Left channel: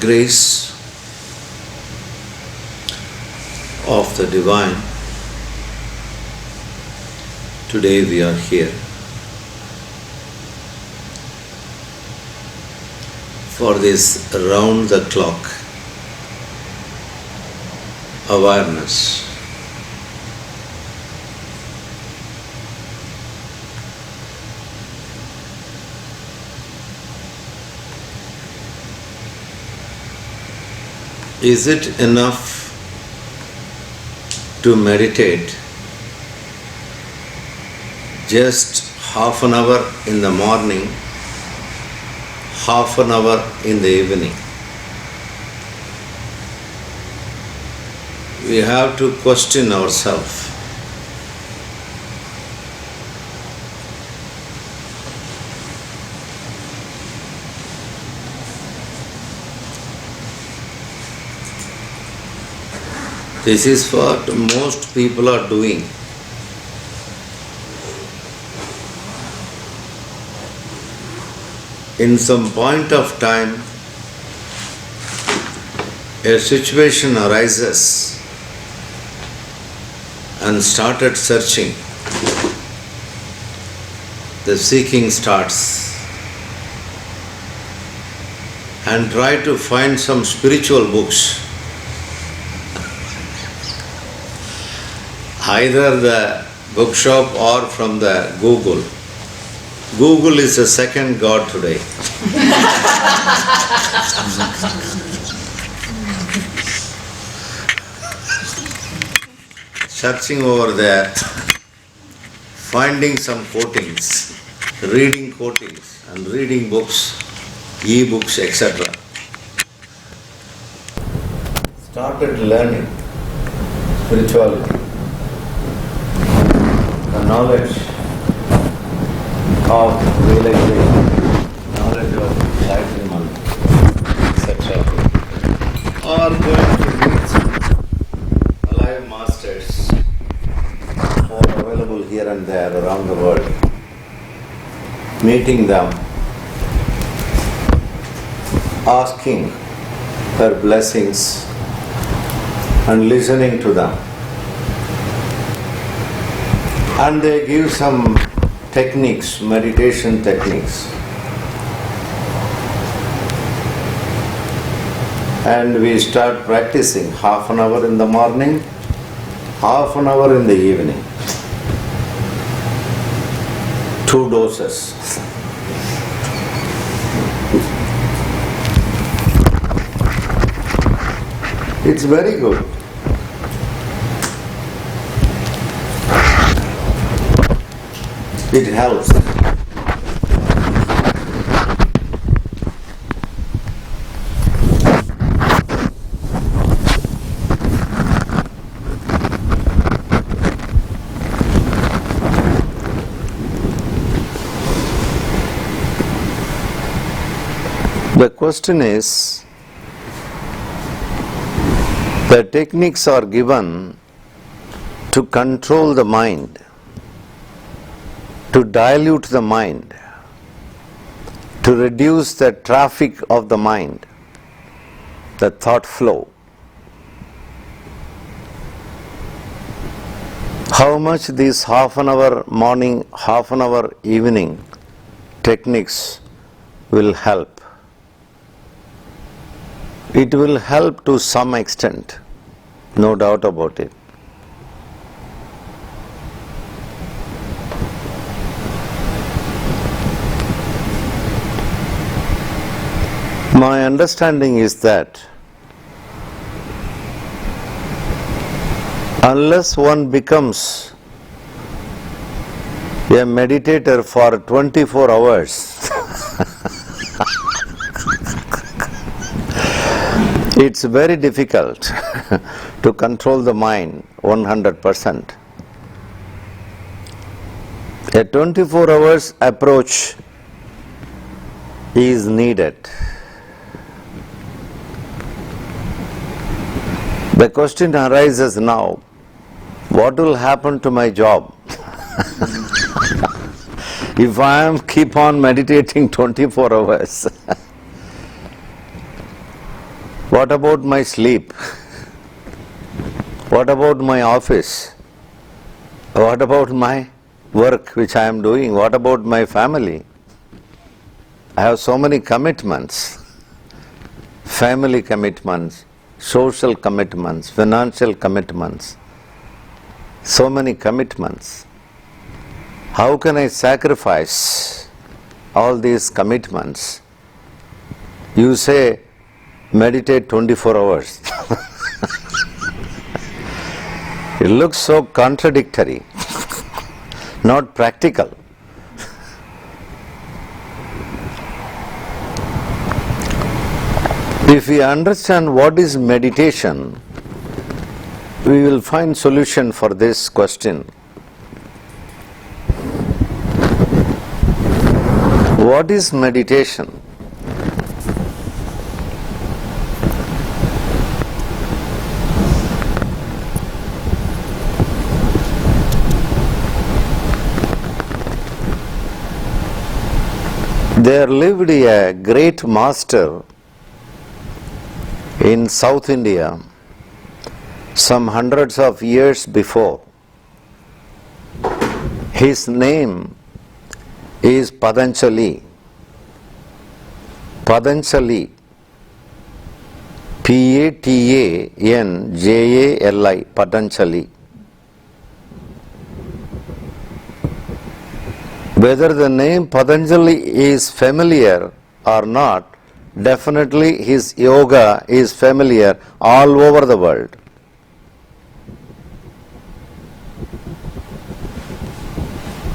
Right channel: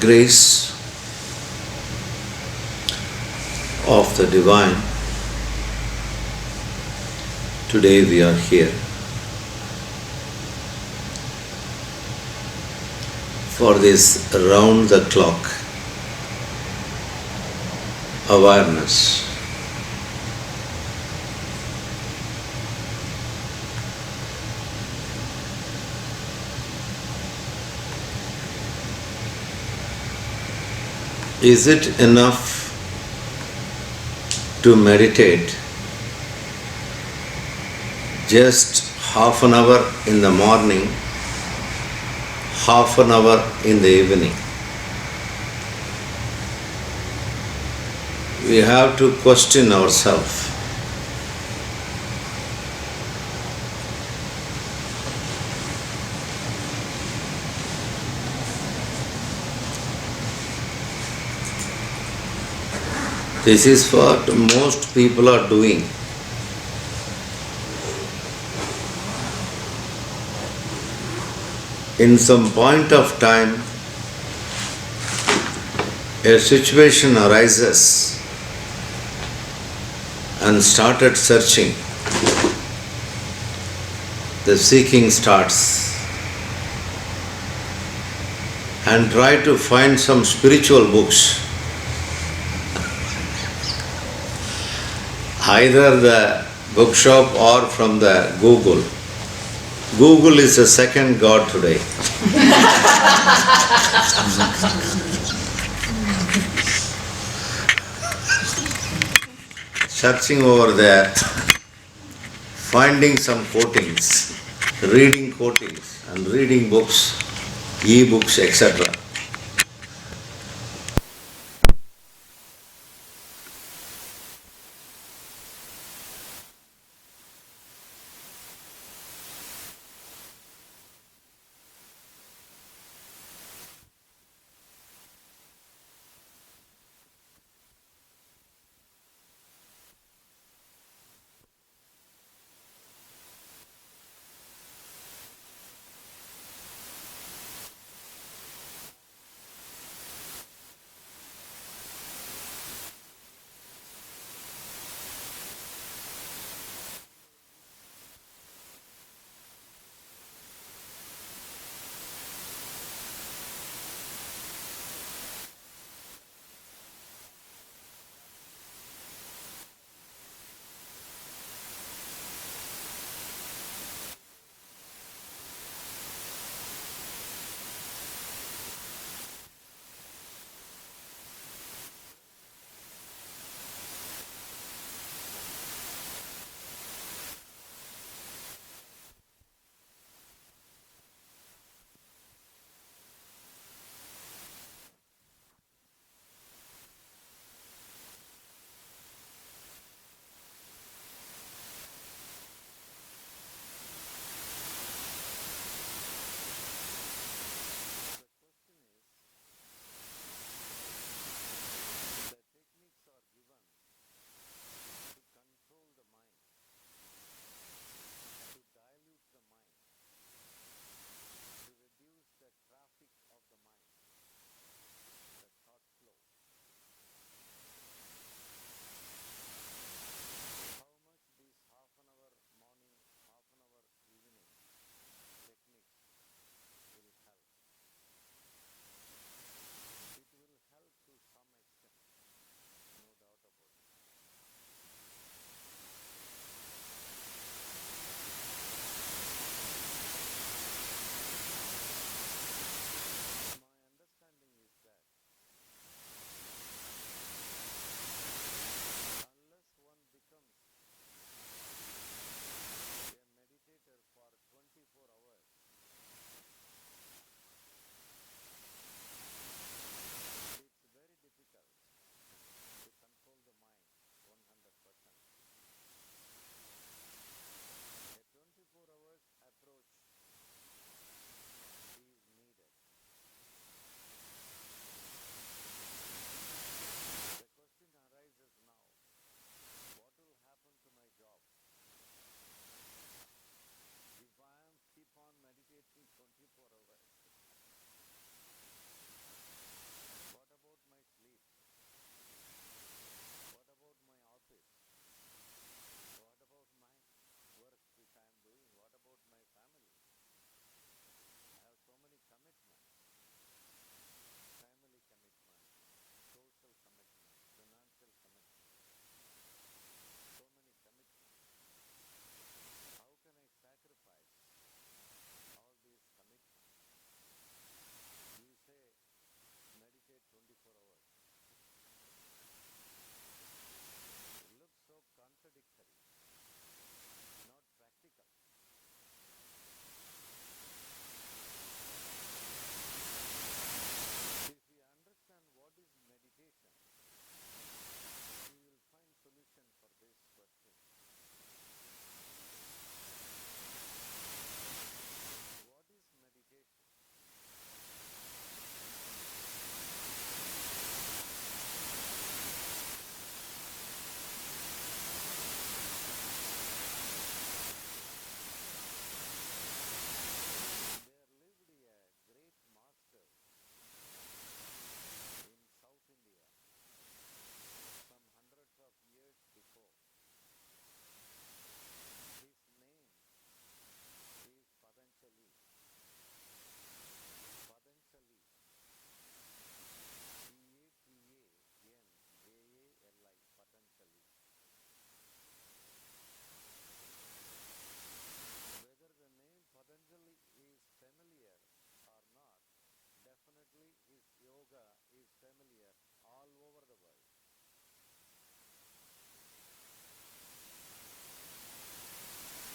grace of the Divine, today we are here for this round-the-clock awareness. Is it enough to meditate just half an hour in the morning, half an hour in the evening? We have to question ourselves. This is what most people are doing. In some point of time, a situation arises and started searching. The seeking starts and try to find some spiritual books. Either the bookshop or from the Google. Google is a second God today. Searching over there, finding some quotings, reading quotings and reading books, e-books, etc. Started learning spirituality. The knowledge of realization, knowledge of enlightenment, etc. Or going to meet alive masters who are available here and there around the world. Meeting them, asking their blessings and listening to them. And they give some techniques, meditation techniques. And we start practicing half an hour in the morning, half an hour in the evening. 2 doses. It's very good. It helps. The question is, the techniques are given to control the mind, to dilute the mind, to reduce the traffic of the mind, the thought flow. How much these half an hour morning, half an hour evening techniques will help? It will help to some extent, no doubt about it. My understanding is that unless one becomes a meditator for 24 hours, it's very difficult to control the mind 100%. A 24 hours approach is needed. The question arises now, what will happen to my job if I am keep on meditating 24 hours? What about my sleep? What about my office? What about my work which I am doing? What about my family? I have so many commitments. Family commitments, social commitments, financial commitments. So many commitments. How can I sacrifice all these commitments? You say, meditate 24 hours. It looks so contradictory, not practical. If we understand what is meditation, we will find solution for this question. What is meditation? There lived a great master in South India some hundreds of years before. His name is Patanjali. Patanjali. Patanjali. Patanjali. Whether the name Patanjali is familiar or not, definitely his yoga is familiar all over the world.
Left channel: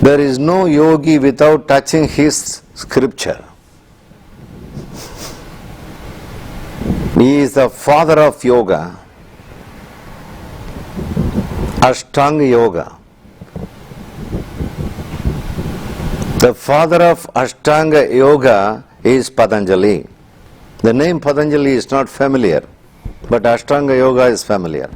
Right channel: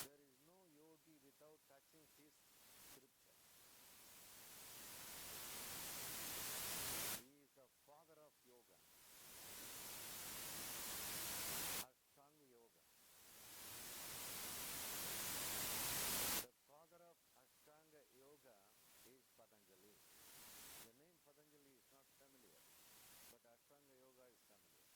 There is no yogi without touching his scripture. He is the father of yoga, Ashtanga yoga. The father of Ashtanga yoga is Patanjali. The name Patanjali is not familiar, but Ashtanga yoga is familiar.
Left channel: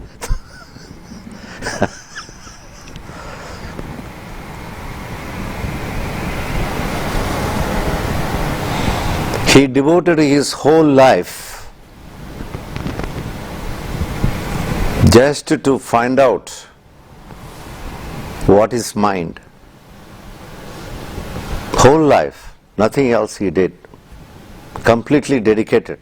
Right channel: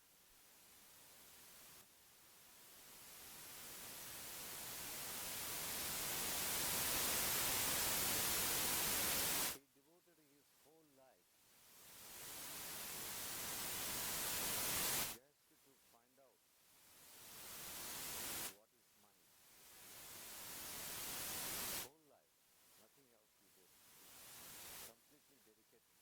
He devoted his whole life just to find out what is mind. Whole life, nothing else he did. Completely dedicated.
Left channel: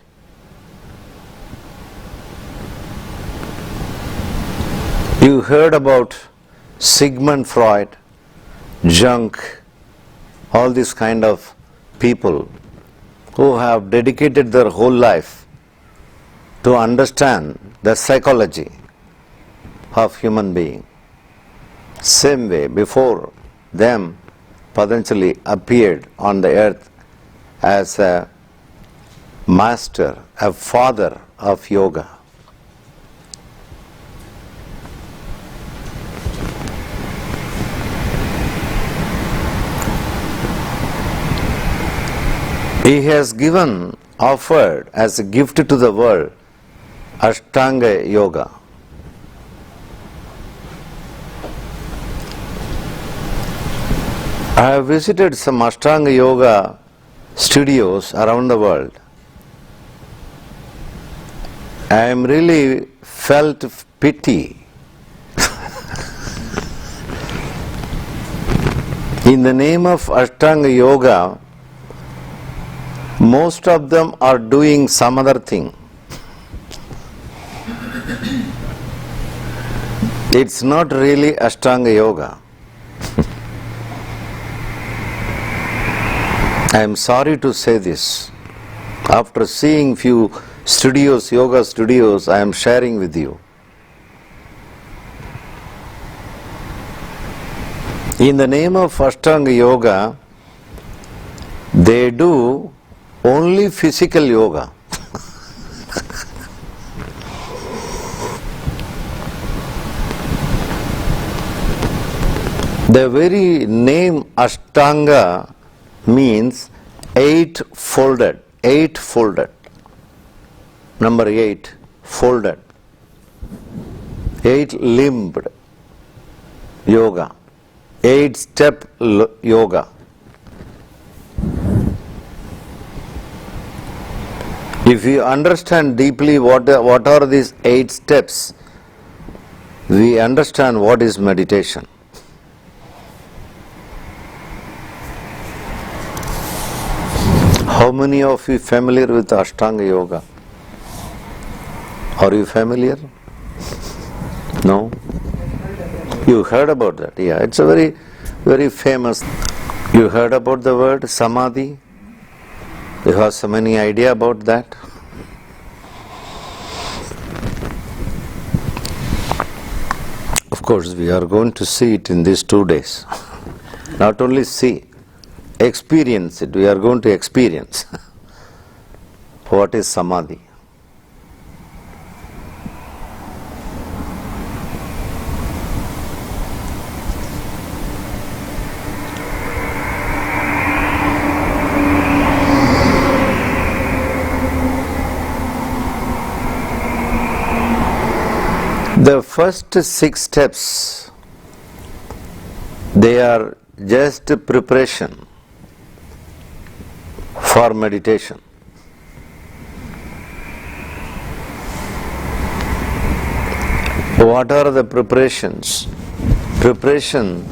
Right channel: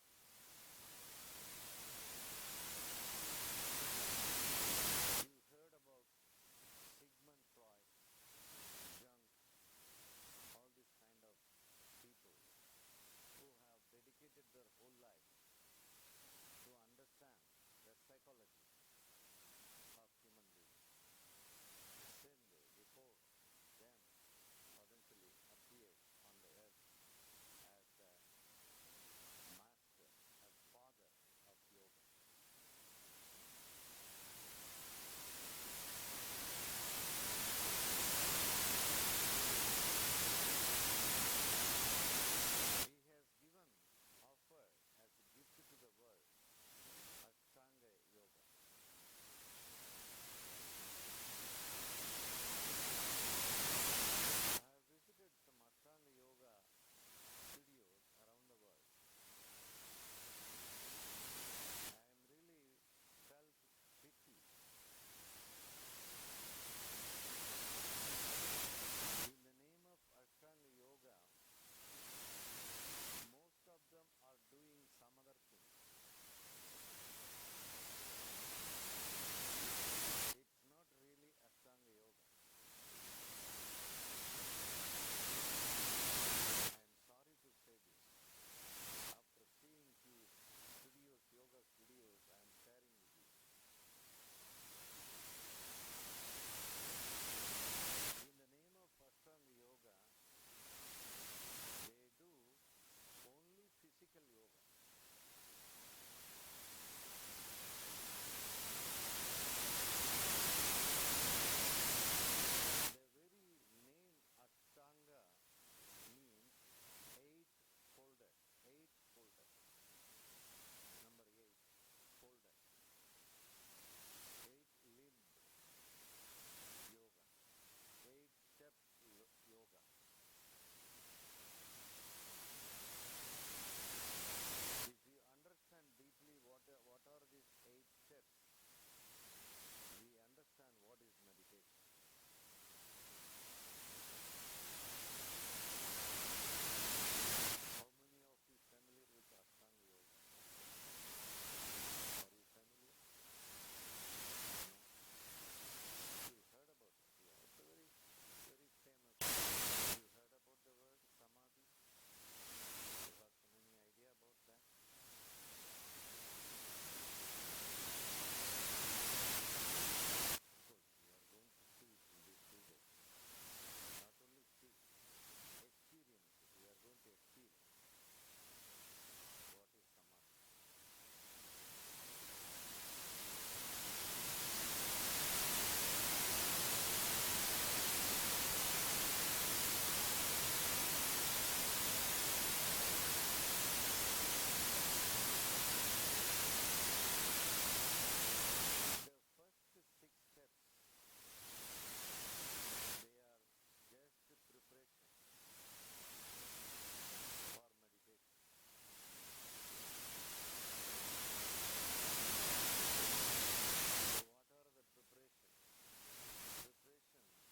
You heard about Sigmund Freud, Jung, all these kind of people who have dedicated their whole life to understand the psychology of human being. Same way, before them, Patanjali appeared on the earth as a master, a father of yoga. He has given, offered as a gift to the world, Ashtanga yoga. I have visited some Ashtanga yoga studios around the world. I am really felt pity. In the name of Ashtanga yoga, most of them are doing some other thing. It's not really Ashtanga yoga. I am sorry to say this. After seeing few studios, yoga studios, I am sharing with you. In the name of Ashtanga yoga, they do only physical yoga. The very name Ashtanga means eight-folded. Number 8, folded. 8-limbed yoga. 8-step yoga. If you understand deeply what are these 8 steps, we understand what is meditation. How many of you familiar with Ashtanga Yoga? Are you familiar? No? You heard about that? Yeah, it's a very, very famous. You heard about the word Samadhi? You have so many idea about that? Of course, we are going to see it in these 2 days. Not only see, experience it. We are going to experience what is Samadhi. The first 6 steps, they are just preparation for meditation. What are the preparations? Preparation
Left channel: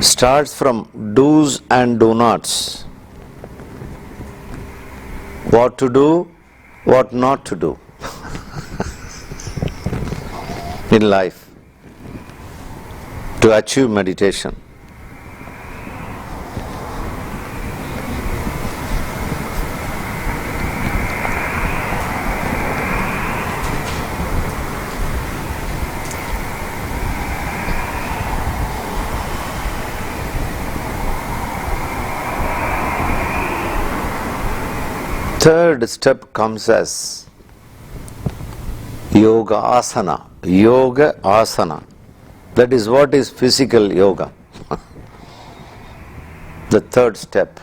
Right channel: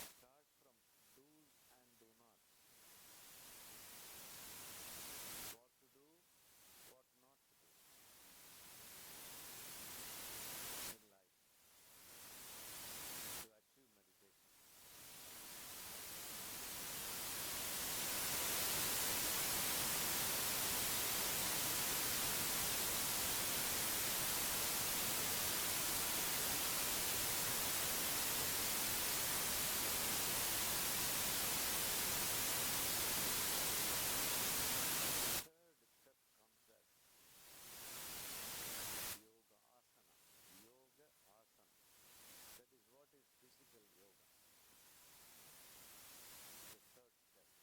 starts from do's and do nots. What to do, what not to do in life to achieve meditation. Third step comes as yoga asana. Yoga asana. That is what is physical yoga. The third step.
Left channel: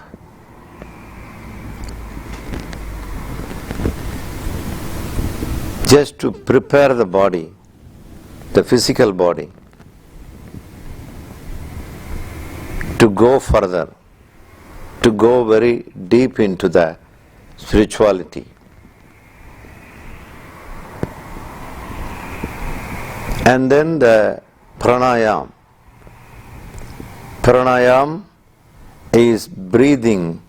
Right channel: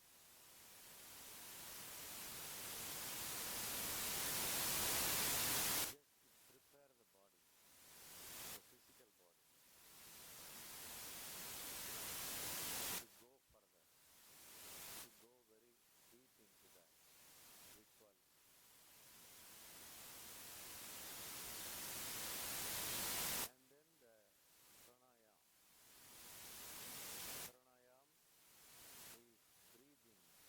Just to prepare the body, the physical body, to go further, to go very deep into the spirituality. And then the pranayam. Pranayam is breathing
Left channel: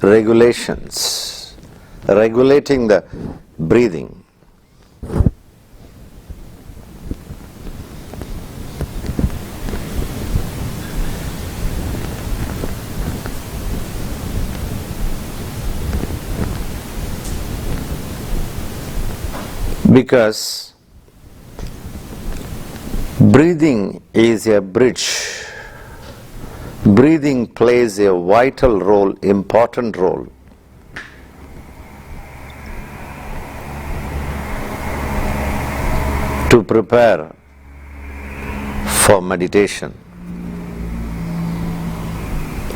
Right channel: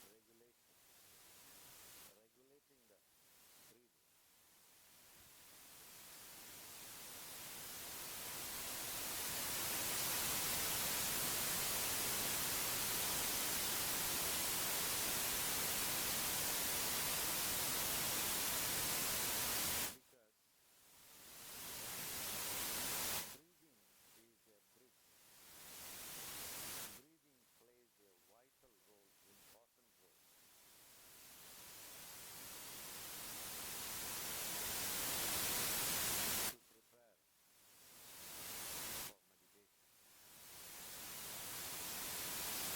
regulations, regulating the breathing. Because breathing is a bridge. Breathing plays a vital role, important role to prepare for meditation.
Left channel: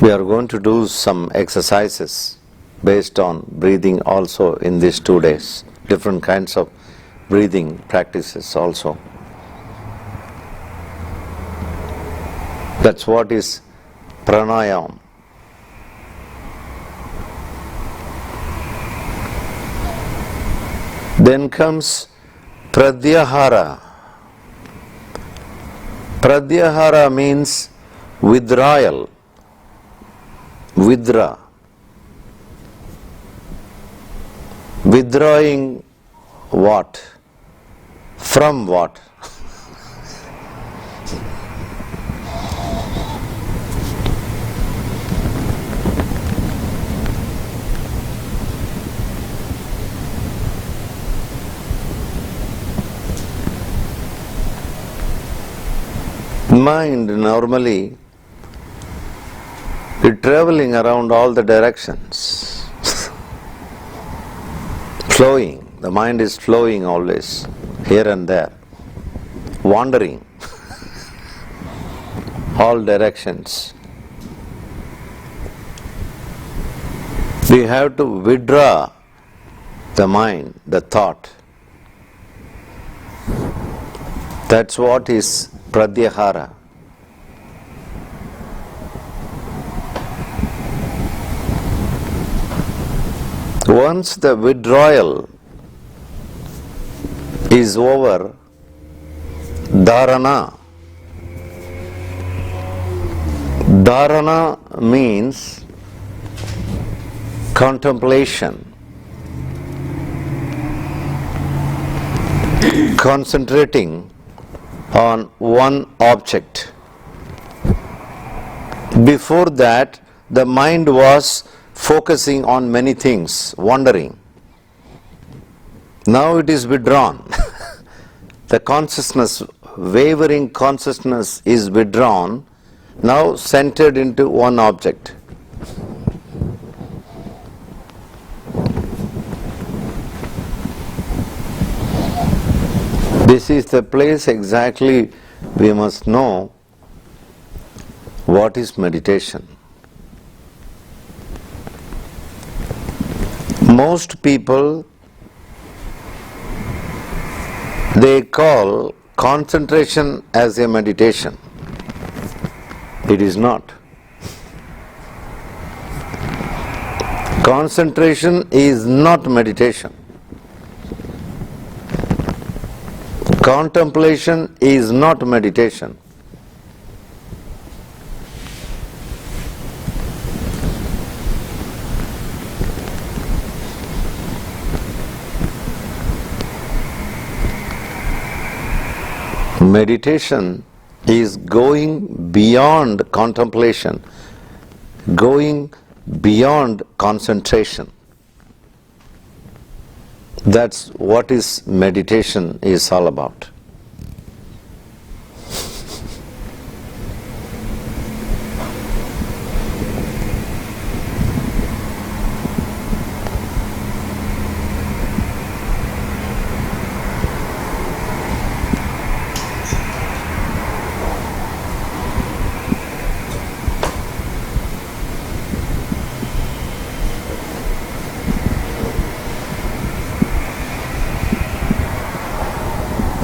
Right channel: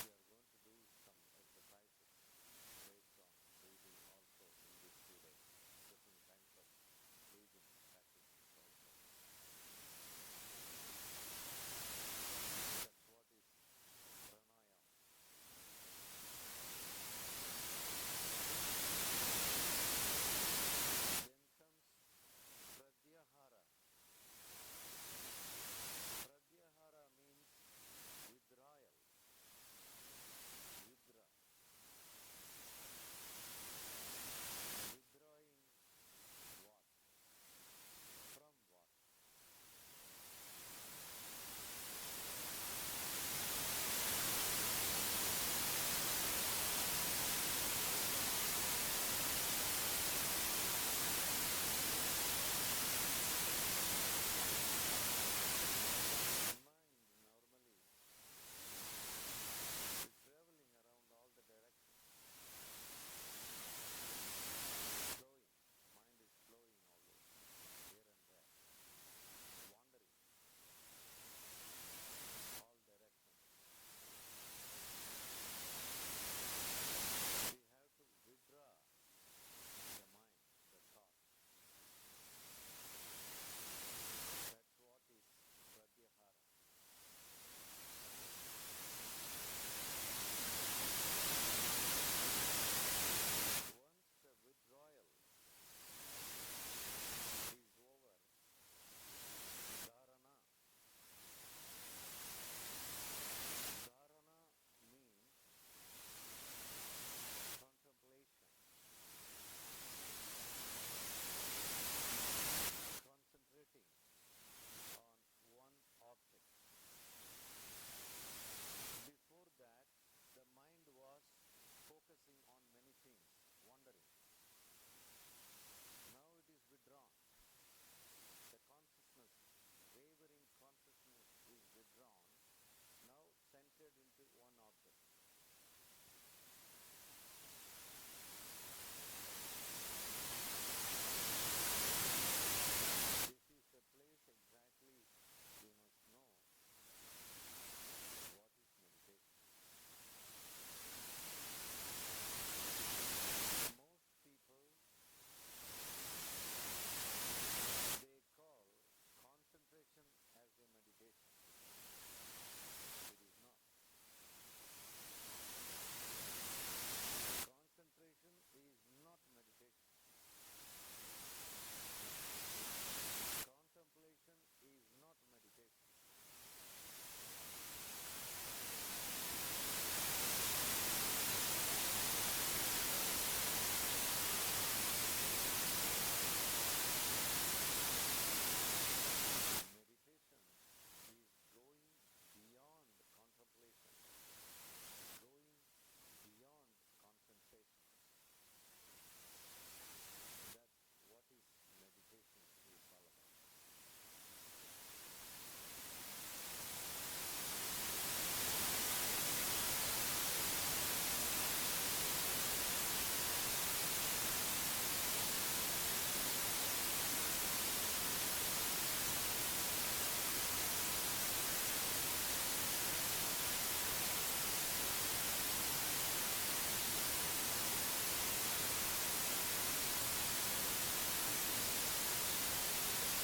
We are going to do some exercises based on breathing also in these 2 days. Different kinds of breathing practices also. That's what is pranayam. Then comes pratyahara. Pratyahara means withdrawal. Withdraw. Withdrawing what? From what? Mind normally is traveling around all the directions, flowing. The mind is flowing always, here and there, wandering, all directions. We have to withdraw the mind, the thought. That's what is pratyahara. Once the withdrawal is over, dharana. Dharana means contemplation, concentrating on one object. Before that, the mind was focusing on many things, wandering. Now it is withdrawn. The consciousness, wavering consciousness is withdrawn, now centered into one object. This is the place exactly we must know what is meditation. Most people, they call concentration as a meditation. It is not. Concentration is not meditation. Contemplation is not meditation. Meditation is going beyond contemplation, going beyond concentration. That's what is meditation is all about.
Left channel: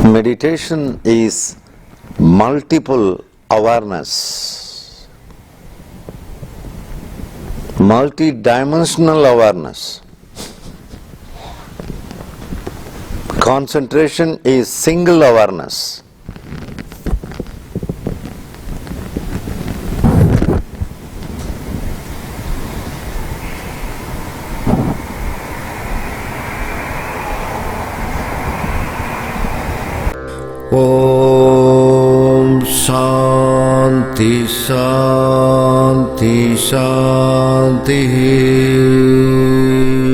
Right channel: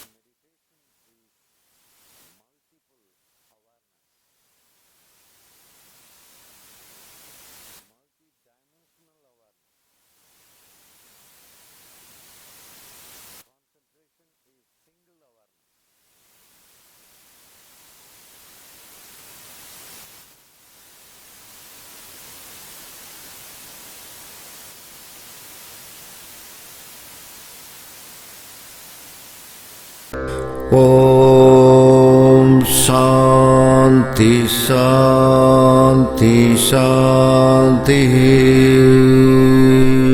Meditation is multiple awareness, multi-dimensional awareness. Concentration is single awareness. Om Shanti Shanti Shanti